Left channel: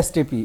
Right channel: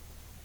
STP,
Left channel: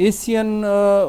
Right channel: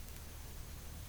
ACN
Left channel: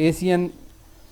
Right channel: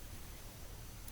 ACN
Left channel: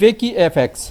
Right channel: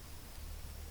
WikiFX।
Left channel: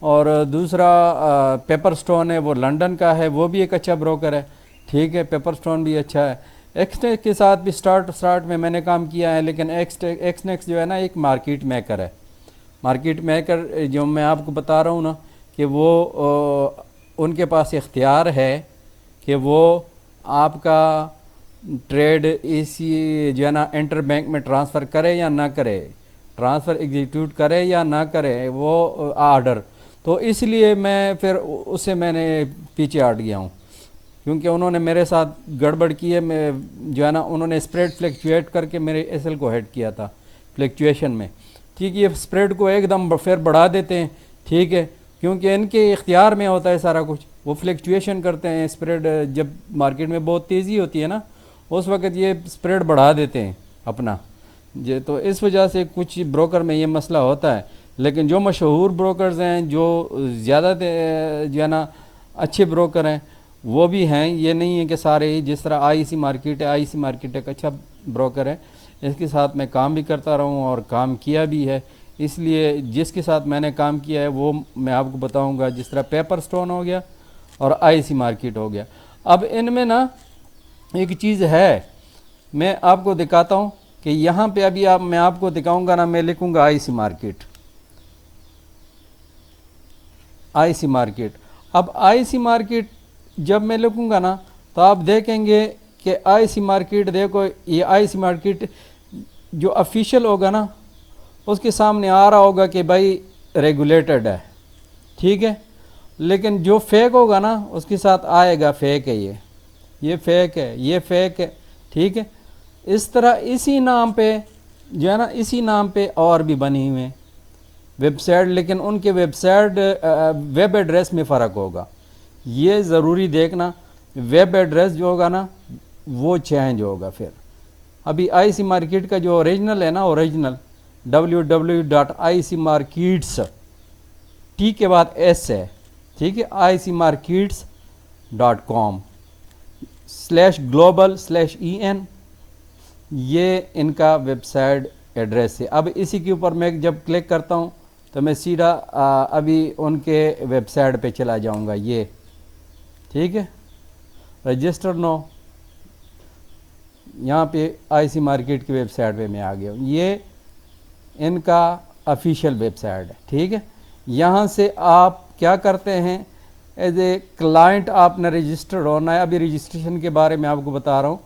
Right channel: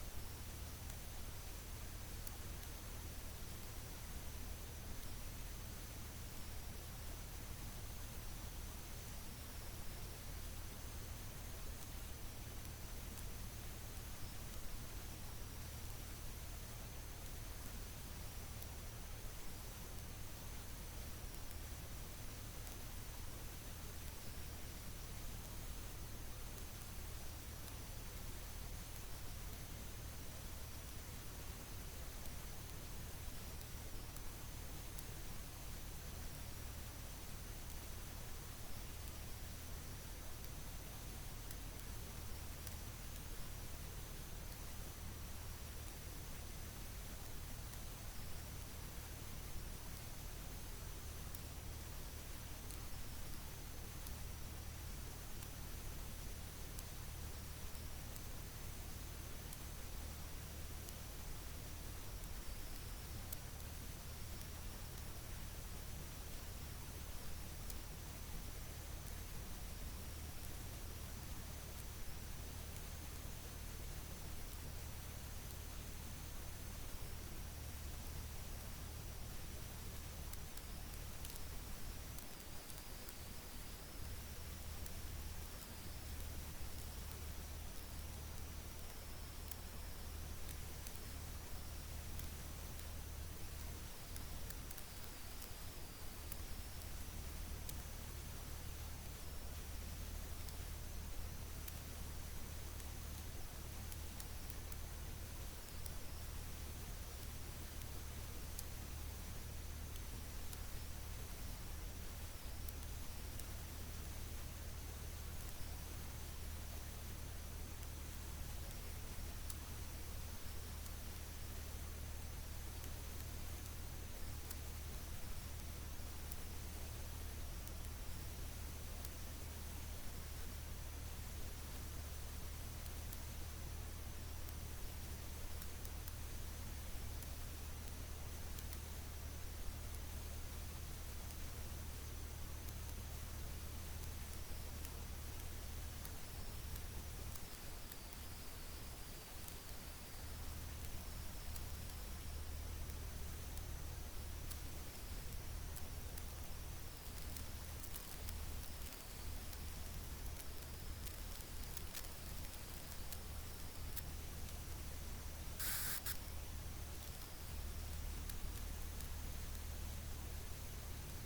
اور دوسرا paper stone ہے، وہ لنڈن کا ہے، وہ بھی ایک اچھا بروکر ہے، ٹھیک ہے، پیپر سٹون بھی اچھا ہے۔ ایکسٹیکس کے ساتھ بھی سٹارٹ میں نے کام کیا ہے، لیکن ایکسنیکس جو ہے نا ایک مارکیٹ میکر ہے۔ مارکیٹ میکر جو میں آپ کو بتا رہا ہوں نا کہ وہ ان کے پاس اختیار ہے کہ وہ آپ کا ٹریڈ اسی جو ہے نا انٹر بینک میں ٹرانسفر کرے یا نہ کرے، ٹرانسفر ایگزیکیوٹ کرے یا نہ کرے وہ آرڈر، تو اس لیے میں پھر اسے میں نے پیچھے ہٹ گیا ہوں، کیونکہ انہوں نے میرے ساتھ گڑبڑ کی ہے، میں جو ہے نا انہوں نے اسپریڈ فلیکچویٹ کر کے میرے ایس ایل کو ہیڈ کیا تھا فلیکچویشن میں، ٹھیک ہے، یہ اسپریڈ کو ایک دم پھر بڑھا دیتے ہیں، ٹھیک ہے، کیونکہ ان کے اختیار میں ہوتا ہے سارا کچھ، وہ فلیکچویشن کرتے ہیں، اسپریڈ جب مارکیٹ میں بہت تیزی ہوتی ہے نا اس وقت یہ اسپریڈ بڑھا دیتے ہیں اپنا، تو اس وجہ سے کچھ بروکر میں یہ مسئلہ ہوتا ہے، لیکن جو مشہور بروکرز ہیں، جو زیادہ جو ہے نا اچھے بروکر ہیں وہ بھی ہیں، یہ نہیں ہے کہ سارے ہی، جس طرح آئی سی مارکیٹ ہے، آئی سی مارکیٹ ایک اچھا بروکر ہے، اس کے ساتھ میں کام بھی کرتا رہا ہوں اور کام کیا بھی ہے، اس لیے جس کے ساتھ میں نے کام کیا ہے وہ میں آپ کو بتاؤں گا، جس طرح پیپر سٹون ہو گیا اور آئی سی مارکیٹ ہو گیا۔ اب ان میں نا ایک چیز ہے، میں آپ کو دکھاتا ہوں کہ یہاں پہ ابھی میں آپ کو دکھاؤں گا نا، میں لکھوں گا آئی سی مارکیٹ، آئی سی مارکیٹ۔ اب آئی سی مارکیٹ جب میں لکھوں گا نا تو آپ دیکھیں گے کہ آئی سی مارکیٹ، دیکھو یہ آئی سی مارکیٹ جو افیشیل ہوگا نا اس کے سامنے آ رہا ہوگا کہ بھائی ریگولیٹڈ ہے، ٹھیک ہے، لیکن جو فیک ہوگا نا اس کے ساتھ آئے گا فیک ہے، یہ فیک ہے، یہ فیک ہے، ٹھیک ہے۔ اس طرح اسی نام پہ جو ہے نا اسی نام پہ اور بھی بنی ہوئے ہیں ویب سائٹ، لیکن ان کے ویب سائٹ ویب ایڈریس میں فرق ہوگا، یہ ضروری دیکھنا، ویب ایڈریس جو ہوگا نا وہ چینج ہوگا پھر۔ ابھی آئی سی مارکیٹ کا جو اوریجنل ہے نا، اوریجنل www.icmarkets ٹی کے بعد ایس ہے، ٹھیک ہے، icmarkets.com/global/en، یہ ان کا ویب سائٹ ایڈریس ہے۔ اب اسی کے اوپر میں جب کلک کرتا ہوں تو میں سیدھا ابھی ان کے ویب سائٹ پہ چلا جاؤں گا، یہ ٹھیک ہے، رجسٹر نو، یہاں پہ آئی سی مارکیٹ کی ویب سائٹ پہ میں آ گیا ہوں، یہ ان کا افیشیل ویب سائٹ ہے، ٹھیک ہے۔ یہاں سے آپ کیا کرتے ہیں، ایز اے کلائنٹ آپ نے رجسٹرڈ ہونا ہے، ابھی رجسٹریشن کے بارے میں آپ کو بتا رہا ہوں،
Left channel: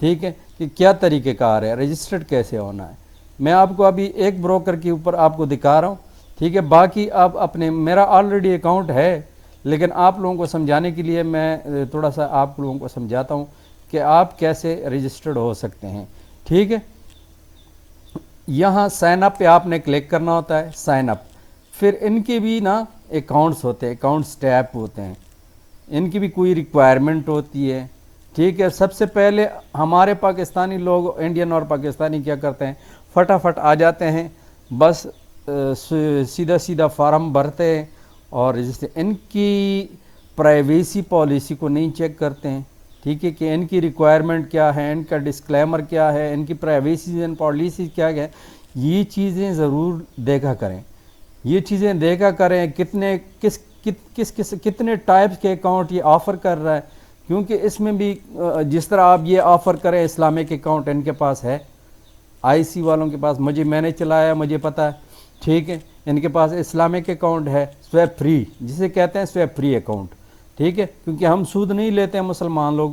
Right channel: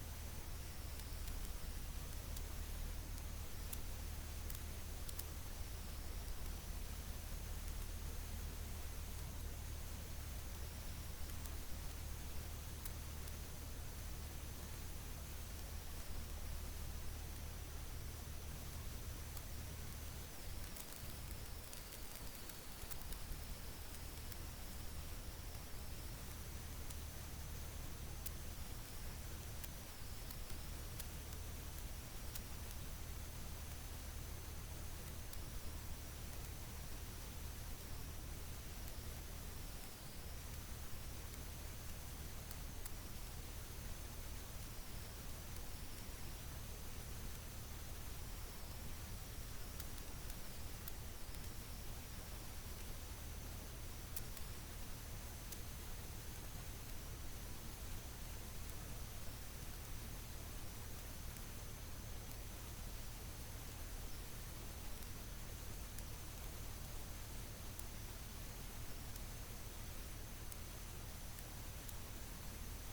ٹھیک ہے، کہ کیا طریقہ کار ہے، رجسٹرڈ کیسے ہونا ہے، میں آپ کو ابھی ایک بروکر کے اوپر آپ کو دکھا رہا ہوں، ٹھیک ہے، باقی آپ اپنے، میرا آلریڈی اکاؤنٹ ہے، لیکن آپ لوگوں کو سمجھانے کے لیے میں تھوڑا سا آپ لوگوں کو سمجھاتا ہوں کہ آپ کیسے رجسٹرڈ ہو سکتے ہیں، ٹھیک ہے۔ یہاں سائن اپ پہ آپ نے کلک کرنا ہوتا ہے، سائن اپ، پھر ان کے بھی نا اکاؤنٹس ہوتے ہیں، اکاؤنٹس ٹیپ ہوتے ہیں، ان کی بھی کوئی ریکوائرمنٹ ہوتی ہے، ٹھیک ہے۔ سب سے پہلے ہمارے پاکستانی لوگ، انڈین اور پاکستانی کیا کرتے ہیں، فٹافٹ آ جاتے ہیں، بس سیدھا سیدھا فارم بھرتے ہیں اور ان کی پرائیویسی پالیسی کو نہیں چیک کرتے ہیں، ٹھیک ہے، کہ ان کی ریکوائرمنٹ کیا ہے، ان کا ڈسکلیمر کیا ہے، ان کی پرائیویسی اینڈ پالیسی کیا ہے، یہ چیزیں ضرور دیکھا کریں، یہ چیزیں دیکھا کریں، کتنے ٹائپس کے اکاؤنٹ یہ آفر کر رہا ہے، کیونکہ اس میں بھی جس طرح آپ یہ آفر کریں، اسلامک اکاؤنٹ ان کے پاس ہے، آئی سی والوں کے پاس، میں نے چلایا، مجھے پتہ ہے، ٹھیک ہے، ان کے پاس اسلامک اکاؤنٹ ہے، سویپ فری جسے کہتے ہیں، سویپ فری اکاؤنٹ، ٹھیک ہے، کیونکہ ہم سود نہیں لیتے ہیں مسلمان لوگ،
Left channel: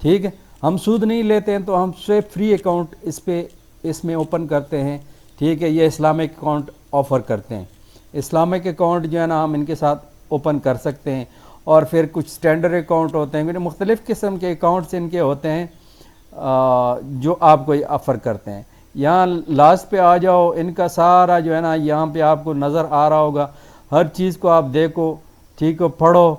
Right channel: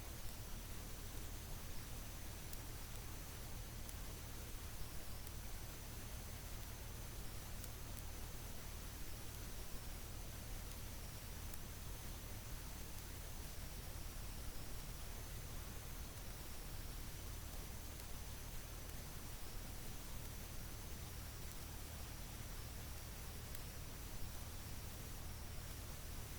ٹھیک ہے، ہم سود نہیں لیتے ہیں تو ہم سویپ فری اکاؤنٹ اس میں اوپن کرتے ہیں، ٹھیک ہے، یہ اسلامک اکاؤنٹ آفر کرتے ہیں، اسلامک اکاؤنٹ جو ہے نا ہم ان کے ساتھ اوپن کر سکتے ہیں، اور پھر کچھ اسٹینڈرڈ اکاؤنٹ ہوتے ہیں، مختلف قسم کے اکاؤنٹس ان کے ہوتے ہیں جو آپ کو آفر کرتے ہیں۔ یہاں لاسٹ پہ آ جاؤ، ان کا سارا جو ہے نا یہاں پہ آپ کو نظر آ رہا ہوگا، ہر چیز کو آپ دیکھو، ٹھیک ہے، پڑھو،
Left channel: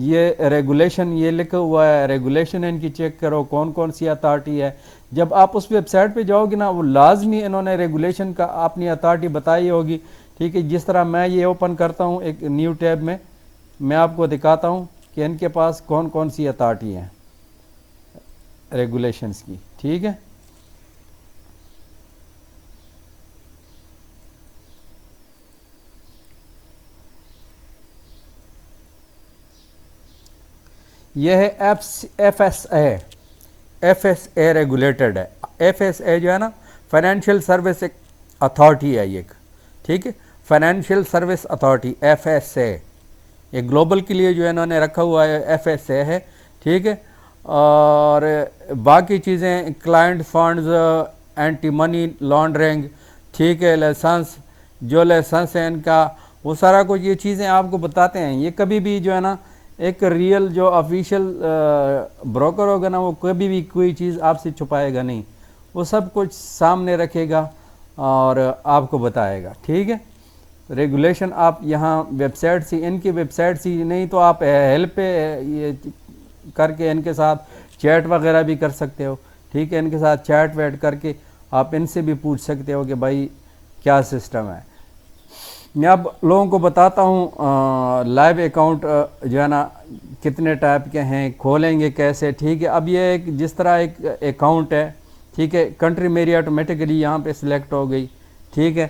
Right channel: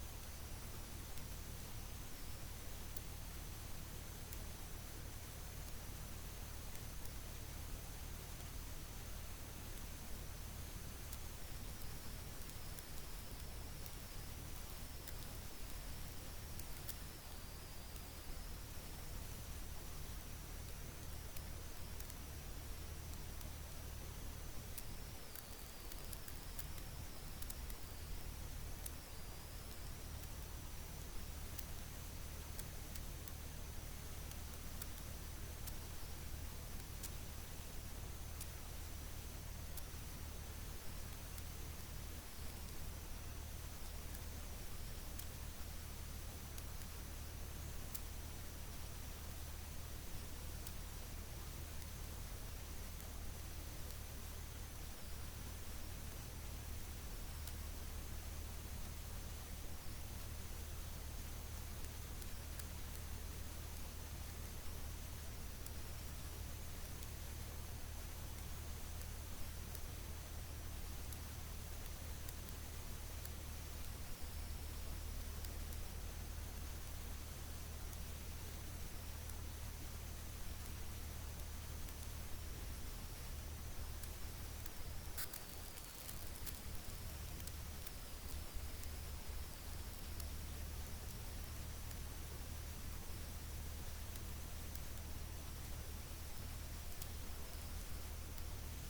یہ ریگولیشن یہ لکھا ہوا ہے، ریگولیشن ان کی چیک کرو، کون کون سی اتھارٹی ہے، جب آپ اس ویب سائٹ پہ جاؤ گے نا وہ لازمی انہوں نے ریگولیشن کا اپنی اتھارٹی بتائی ہوگی، ٹھیک ہے، جس طرح میں یہ اوپن کرتا ہوں ایک نیو ٹیب میں آپ کو دکھاتا ہوں کہ ان کے پاس کون کون سی اتھارٹی ہیں ریگولیشنز کی، ٹھیک ہے۔ یہ ہے ایف ایس اے ریگولیٹڈ ہے. ایف ایس اے جو ہے نا فائنینشیل سروس اتھارٹی ہے یہ, ٹھیک ہے, financial service authority F S A, یہ گلوبل کے لیے جو ہے انہوں نے رکھا ہوا ہے ایف ایس اے ہے, ٹھیک ہے. اور باقی چیزیں client funds, anti money laundering, ٹھیک ہے, لائسنس, جو لائسنس ہے ان کا, وہ سارا کچھ یہ چیزیں آپ کو بتاتے ہیں. یہ کبھی بھی جو ہے نا ایک ریئل جو آفیشیل بروکر ہوگا نا, وہ کبھی بھی کوئی چیز آپ سے چھپائے گا نہیں, وہ سب کچھ سامنے رکھے گا اور آپ کو بتائے گا, ٹھیک ہے. ریگولیشن آپ یہاں ویب سائٹ سے, ان کی ویب سائٹ سے نہیں تو آپ ہیلپ پہ یہ کر کے ان کے ساتھ چیٹ وغیرہ بھی کر سکتے ہو, ٹھیک ہے. ان کے ساتھ چیٹ ویٹ کر کے آپ ان سے بھی پوچھ سکتے ہو کہ بھائی کیا سسٹم ہے. میں اب لوگوں کو بتاتا ہوں لائیو اکاؤنٹ جو ہے نا کتنے ٹائپ کے ہیں, کھولیں گے کیسے, ٹھیک ہے. اب یہ ایک جس طرح ایک اکاؤنٹ ہے, ٹھیک ہے, کنٹری میری آٹومیٹکلی یہاں پہ سلیکٹ ہو گئی, ٹھیک ہے.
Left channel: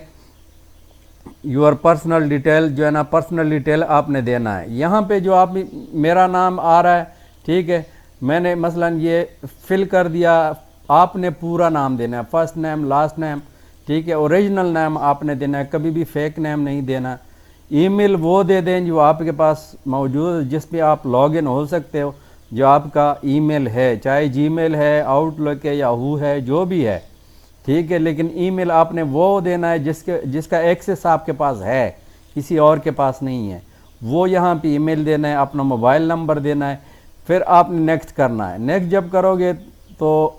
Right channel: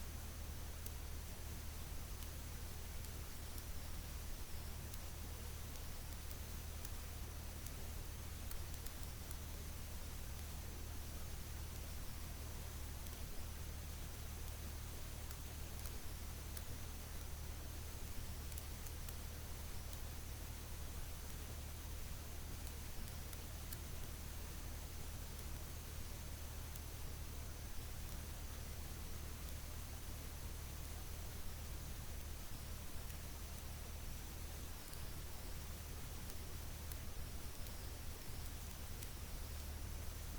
یور پرسنل ڈیٹیل جو ہے نا, پرسنل ڈیٹیل آپ نے دینا ہے. یہاں پہ جو آپ میرا نام آ رہا ہے, ٹھیک ہے, میں نے مثلا یہ فل کر دیا, آپ نے پورا نام دینا ہے, فرسٹ نیم لاسٹ نیم, ٹھیک ہے. اوریجنل نیم آپ نے دینا ہے, کبھی بھی فیک نیم نہیں دینا. ای میل وہ دے دیں جو آپ کے پاس موجود ہے, جس پہ آپ لاگ ان ہو سکتے ہو, جو آپ کا ای میل ہے, چاہے جی میل ہے, آؤٹ لک ہے, یاہو ہے, جو بھی ہے, ٹھیک ہے. لیکن ای میل آپ نے وہ دینا ہے جس کا ایکسیس آپ کے پاس ہے, کسی اور کے پاس نہیں ہے, وہ یہاں پہ ای میل دینا ہے, اپنا موبائل نمبر دینا ہے. پھر آپ نے نیکسٹ کرنا ہے. نیکسٹ جب کرو گے تو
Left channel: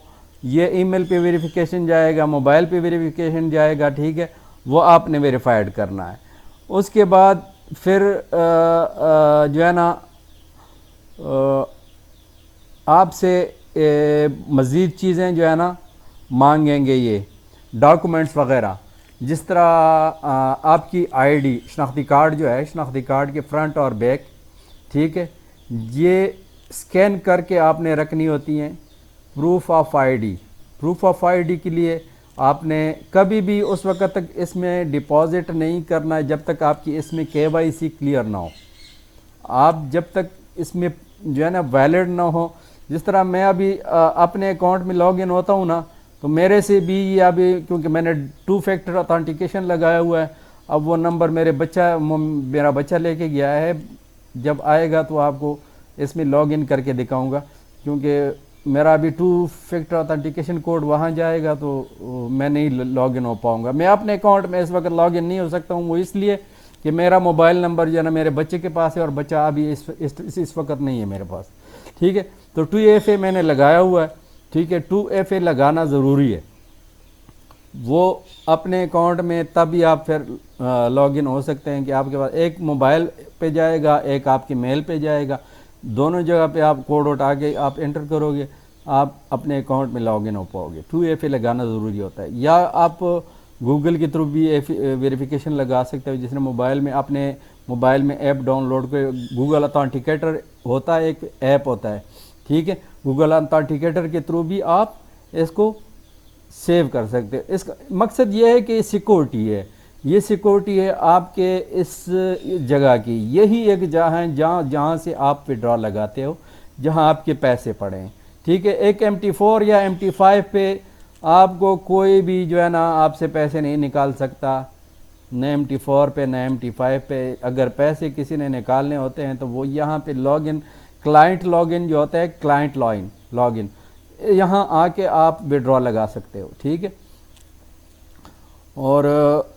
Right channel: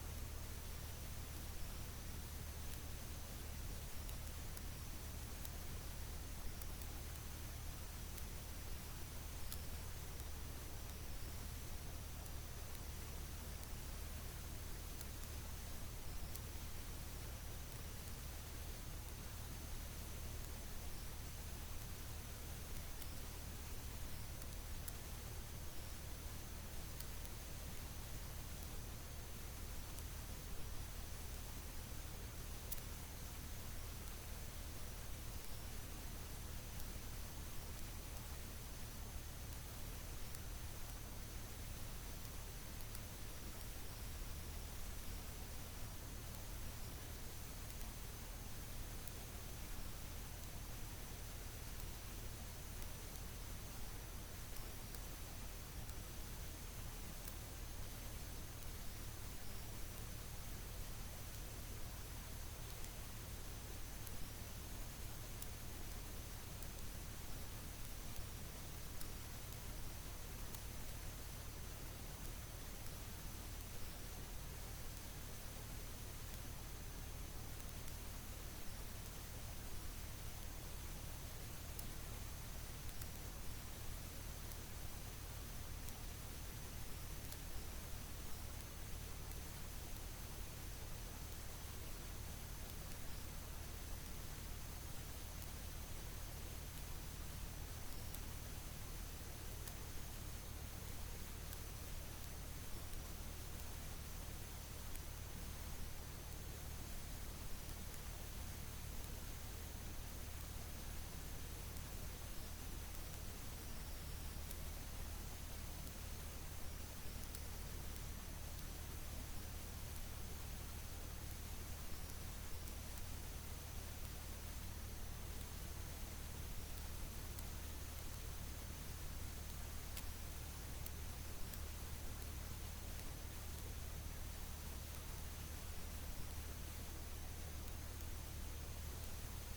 یہ ای میل پہ ویریفیکیشن جائے گا, موبائل پہ ویریفیکیشن جائے گا, ٹھیک ہے, وہ آپ نے ویریفائڈ کرنا ہے. اس کے بعد پھر جو ہے نا آپ سے مزید چیزیں جو ہے نا مانگیں گے, یہ ڈاکومنٹس وغیرہ, جس طرح آپ کی آئی ڈی, شناختی کارڈ جو ہے, شناختی کارڈ کے فرنٹ اور بیک, ٹھیک ہے, یہ اسکین کر کے آپ نے رکھنی ہوتی ہیں. Proof of I D, proof of I D کے لیے آپ نے کبھی بھی اس وقت تک اس میں ڈپازٹ نہیں کرنا ہے جب تک آپ کی اس میں کے وائی سی کلیئر نہ ہو. آپ جب تک اس میں جو ہے نا ویلڈ نہ ہو, جس طرح میں ابھی اپنے اکاؤنٹ میں لاگ ان ہوتا ہوں نا, تو میرے سے بھی یہ ابھی کیونکہ میں نے 2 فیکٹر اتھینٹیکیشن لگایا ہوا ہے, اب وہ نمبر میرا بچہ لے کے گیا ہے, جب آئے گا تو آپ کو اس میں لاگ ان کر کے دکھاؤں گا, کیونکہ میرا ابھی 2 فیکٹر اتھینٹیکیشن کوڈ وہاں جائے گا تو میں نہیں لاگ ان ہو پاؤں گا. میں اپنے اکاؤنٹ میں اس وقت لاگ ان نہیں ہو سکتا ہوں, وہ اس لیے کہ میرا موبائل نمبر جو ہے نا میرے بچے کے پاس ہے, اور بچہ ابھی اس وقت نہیں ہے میرے پاس, ٹھیک ہے. تو 2FA میں نے لگایا ہوا ہے, ٹھیک ہے. 2FA لگانا ضروری ہے, وہ اپنے اکاؤنٹ میں تب ہی آپ پھر لاگ ان ہو سکتے ہیں کہ آپ کے پاس ایک موبائل پہ جائے گا, ایک آپ کی میل پہ جائے گا, دونوں جگہ پہ آپ کوڈ اٹھا کے آپ انٹر کرو گے, آپ اپنے اکاؤنٹ میں لاگ ان ہو پاؤ گے. 2FA لگانا ضروری ہوتا ہے. یا آپ گوگل کے تھرو بھی ویریفیکیشن لگا سکتے ہو, جس نے موبائل میں اپنے موبائل میں ایپ ڈاؤن لوڈ کر, گوگل اتھینٹیکیٹر ہوتا ہے, ایک ایپ ہوتا ہے, ٹھیک ہے. گوگل اتھینٹیکیٹر کے تھرو بھی آپ اس کو سیو کر سکتے. اس کا مقصد یہ ہے کہ سیکورٹی ہے, یہ سیکورٹی ہے آپ کے اس جگہ کی. یہی ایک جگہ ہے جہاں سے آپ وڈرا لگاتے ہو, جہاں آپ کے پیسے پڑے ہیں, ٹھیک ہے. ایک MT4 یا MT5 پہ آپ کو کوئی بھی جو ہے نا آپ سے پیسے نہیں نکال سکتا, نہ MT4 پہ نہ MT5 پہ. اگر پیسے کسی نے نکالنے ہوتے ہیں تو وہ یہاں پہ log in, client log in جو ہوتا ہے, کلائنٹ لاگ ان, یہاں آ کے آپ وڈرا لگا سکتے ہو, ٹھیک ہے. اور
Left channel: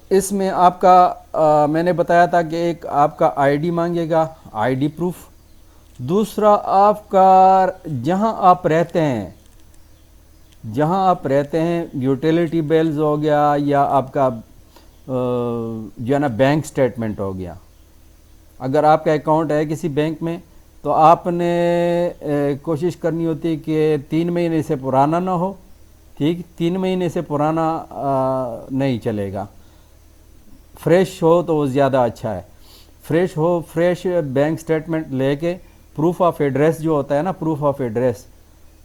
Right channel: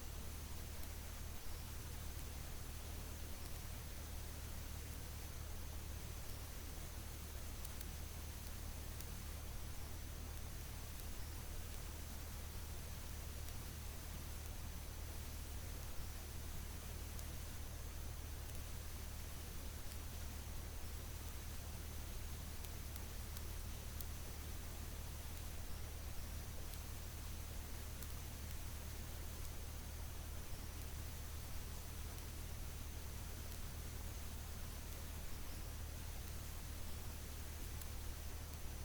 اس میں آپ کا میں نے بتایا تھا کہ ایک آپ کا آئی ڈی مانگے گا, آئی ڈی پروف. دوسرا آپ کا جہاں آپ رہتے ہیں یوٹیلیٹی بیلز ہو گیا, یا آپ کا جو ہے نا بینک سٹیٹمنٹ ہو گیا. اگر آپ کا اکاؤنٹ ہے کسی بینک میں تو آپ نے کوشش کرنی ہوتی ہے کہ 3 مہینے سے پرانا نہ ہو, ٹھیک. 3 مہینے سے پرانا نہیں چلے گا. فریش ہو تو وہ زیادہ اچھا ہے. فریش ہو, فریش بینک سٹیٹمنٹ لے کے, پروف آف ایڈریس جو ہوتا ہے نا, پروف آف ایڈریس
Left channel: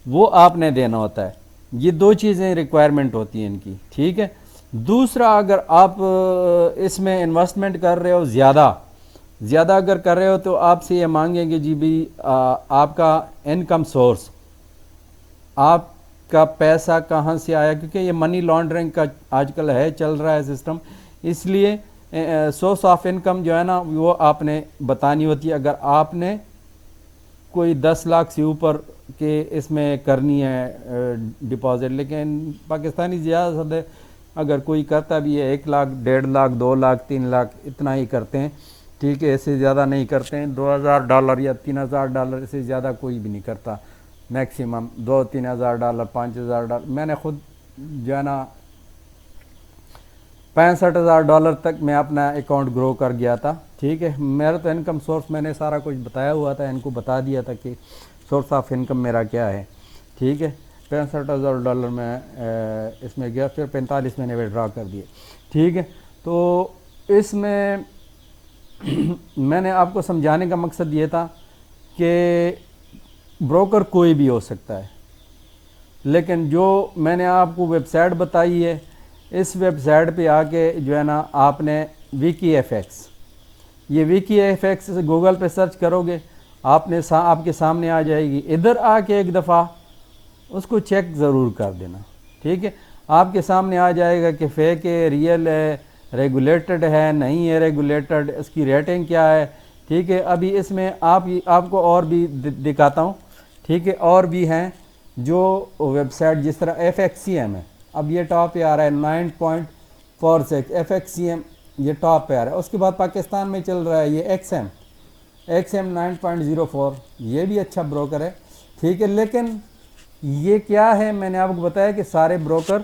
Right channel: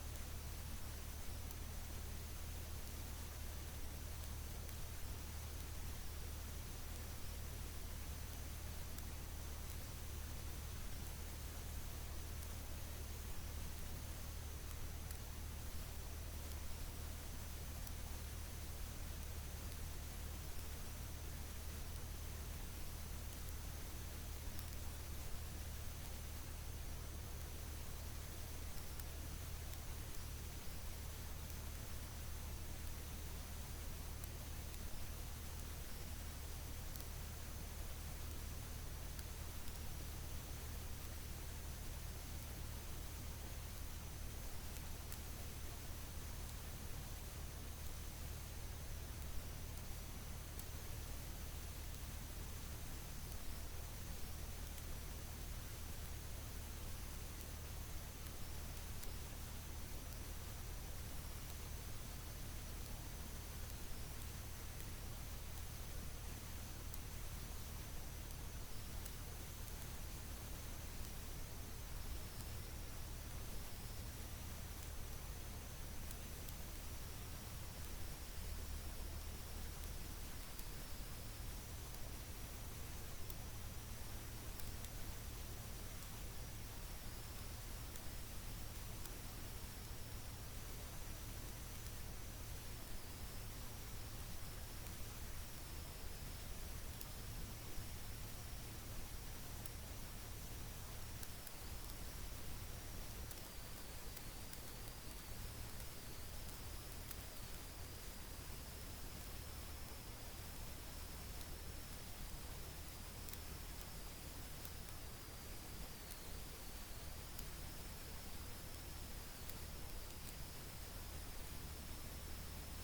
وہ آپ نے دینا ہوتا ہے. یہ 2 چیزیں ریکوائرمنٹ ہوتی ہیں ان کی, ٹھیک ہے. دوسرا, اگر آپ اس میں انویسٹمنٹ کر رہے ہو زیادہ, زیادہ اگر کر رہے ہو تو آپ سے یہ مانگیں گے جی بھی آپ کا انکم سورس، آپ کا پیسہ کہاں سے آیا، کیونکہ یہ منی لانڈرنگ کا آج کل ہے چل رہا ہے سسٹم، اس لیے سورس آف انکم جو ہے نا وہ آپ نے بتانی ہوتی ہے۔ اگر آپ نے کوئی 10 لاکھ سے اوپر کے اس میں کرنی ہے ڈپازٹ، لیکن پاکستانی زیادہ سے اگر کوئی کرتا بھی ہے 1 لاکھ 1.5 لاکھ 2 لاکھ 3 لاکھ اتنا ہی کرتے ہیں، ٹھیک ہے، اس سے زیادہ نہیں کرتے ہیں۔ $2,000 یا $3,000 سے زیادہ کوئی بھی نہیں کرتا، میکسیمم $2,000-3,000 $5,000۔ میں نے خود جو ہے نا $65,000 تک میں اپنا اکاؤنٹ گرو کر گیا تھا، ٹھیک ہے۔ میرا تو انکم سورس میں نے سارا کچھ بتایا ہوا تھا، ان کو بتا دیا تھا کہ سورس آف انکم میرا کیا ہے، ٹھیک ہے۔ $65,000 میں اس میں گیا، پھر 45 میں نے وڈرا کر دیے، ٹھیک ہے۔ تو اس میں میں نے آپ کو سمجھانے کا مقصد یہ تھا کہ بروکر کوئی بھی ہو سکتا ہے، لیکن جو میں نے آپ کو ویب سائٹ بتائی ہے، اس ویب سائٹ پہ آ کے جو ہے نا آپ نے ویکی ایف ایکس، یہ ویکی ایف ایکس گوگل پہ سرچ کرو گے، آپ کے سامنے آ جائے گی۔ ادھر آ کے ایک دفعہ اس کو چیک ضرور کر دینا، ٹھیک ہے۔ آپ کے سامنے آ جائے گا کہ فیک ہے، ریئل ہے، ریگولیٹڈ ہے، نہیں ہے ریگولیٹڈ، اس کی ریٹنگ کیا ہے، ٹھیک ہے۔ ابھی اس میں آپ کو اور بھی دکھاتا ہوں، ٹھیک ہے۔ اور بھی ہیں جو ویب سائٹ جس طرح ایف ایکس سی ایم ہے، اب یہ ٹاپ پہ آ رہا ہے 9.46 ایف ایکس سی ایم، یہ ٹاپ پہ آ رہا ہے۔ اس کے بعد پاکستان میں چل رہا ہے یہ ایکس ایم 9.04، یہ بھی اچھا بروکر ہے، ٹھیک ہے۔ لیکن یہ کیا ہے، میں نے آپ کو بتایا کہ سارے بروکر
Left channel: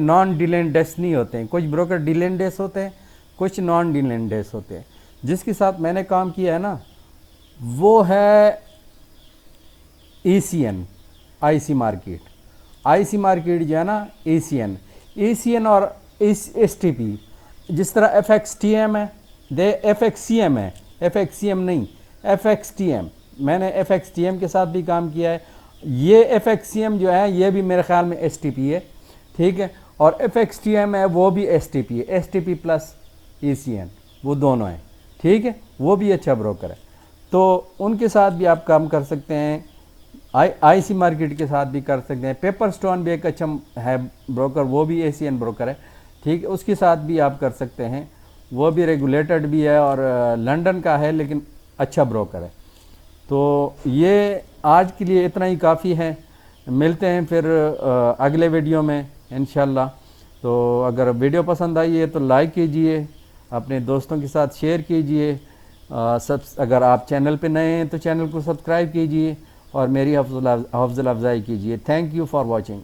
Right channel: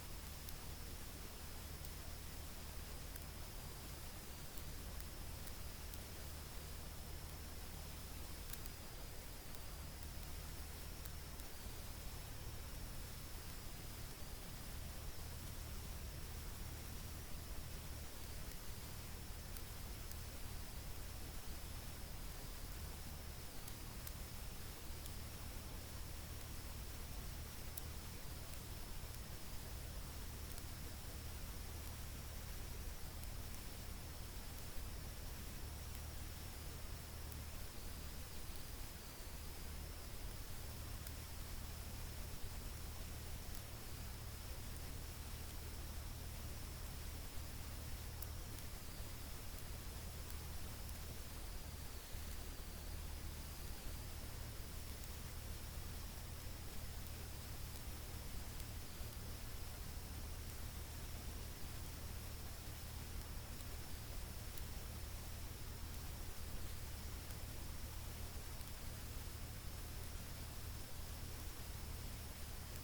نان ڈیلینڈس نہیں ہوتے ہیں، کچھ بروکر ڈیلینڈس ہوتے ہیں، کچھ نان ڈیلینڈس ہوتے ہیں۔ جس کے ساتھ میں نے کام کیا ہے نا وہ ہے ای سی این، آئی سی مارکیٹ جو ہے نا ای سی این اور ایس ٹی پی، جس طرح ایف ایکس ٹی ایم ہے، ایف ایکس سی ایم ہے، ایف ایکس سی ایم نہیں، ایف ایکس ٹی ایم، میں نے ایف ایکس ٹی ایم کے ساتھ بھی کام کیا ہے۔ یہ ایف ایکس سی ایم جو ہے یہ بھی میرے خیال میں ایس ٹی پی ہے، ٹھیک ہے، اور ایف ایکس ٹی ایم ہے وہ بھی ایس ٹی پی ہے، ایس ٹی پی پلس ای سی این، وہ دونوں ہیں، ٹھیک ہے، وہ بھی اچھا بروکر ہے۔ تو ان کے ساتھ بھی آپ کام کر سکتے ہیں، آئی سی مارکیٹ کے ساتھ بھی کر سکتے ہیں۔ پیپر سٹون بھی ایک اچھا ہے بروکر، وہ بھی اے سی این بروکر ہے، ٹھیک ہے، اس کے ساتھ بھی آپ کر سکتے ہیں، وہ بھی ریگولیٹڈ بھی ہے اور لنڈن کا ہے لیکن اچھا بروکر ہے۔ تو یہ آج کے لیے اتنا ہی کافی ہے، ملتے ہیں پھر اگلے ویڈیو میں انشاءاللہ۔ تو اگر ویڈیو پسند آئی ہے تو لائک کیجئے، اپنے دوستوں کے ساتھ شیئر کیجئے، اگر آپ چینل پہ نئے ہیں تو چینل کو سبسکرائب کیجئے اور میری حوصلہ افزائی کیجئے۔ Thank you for watching.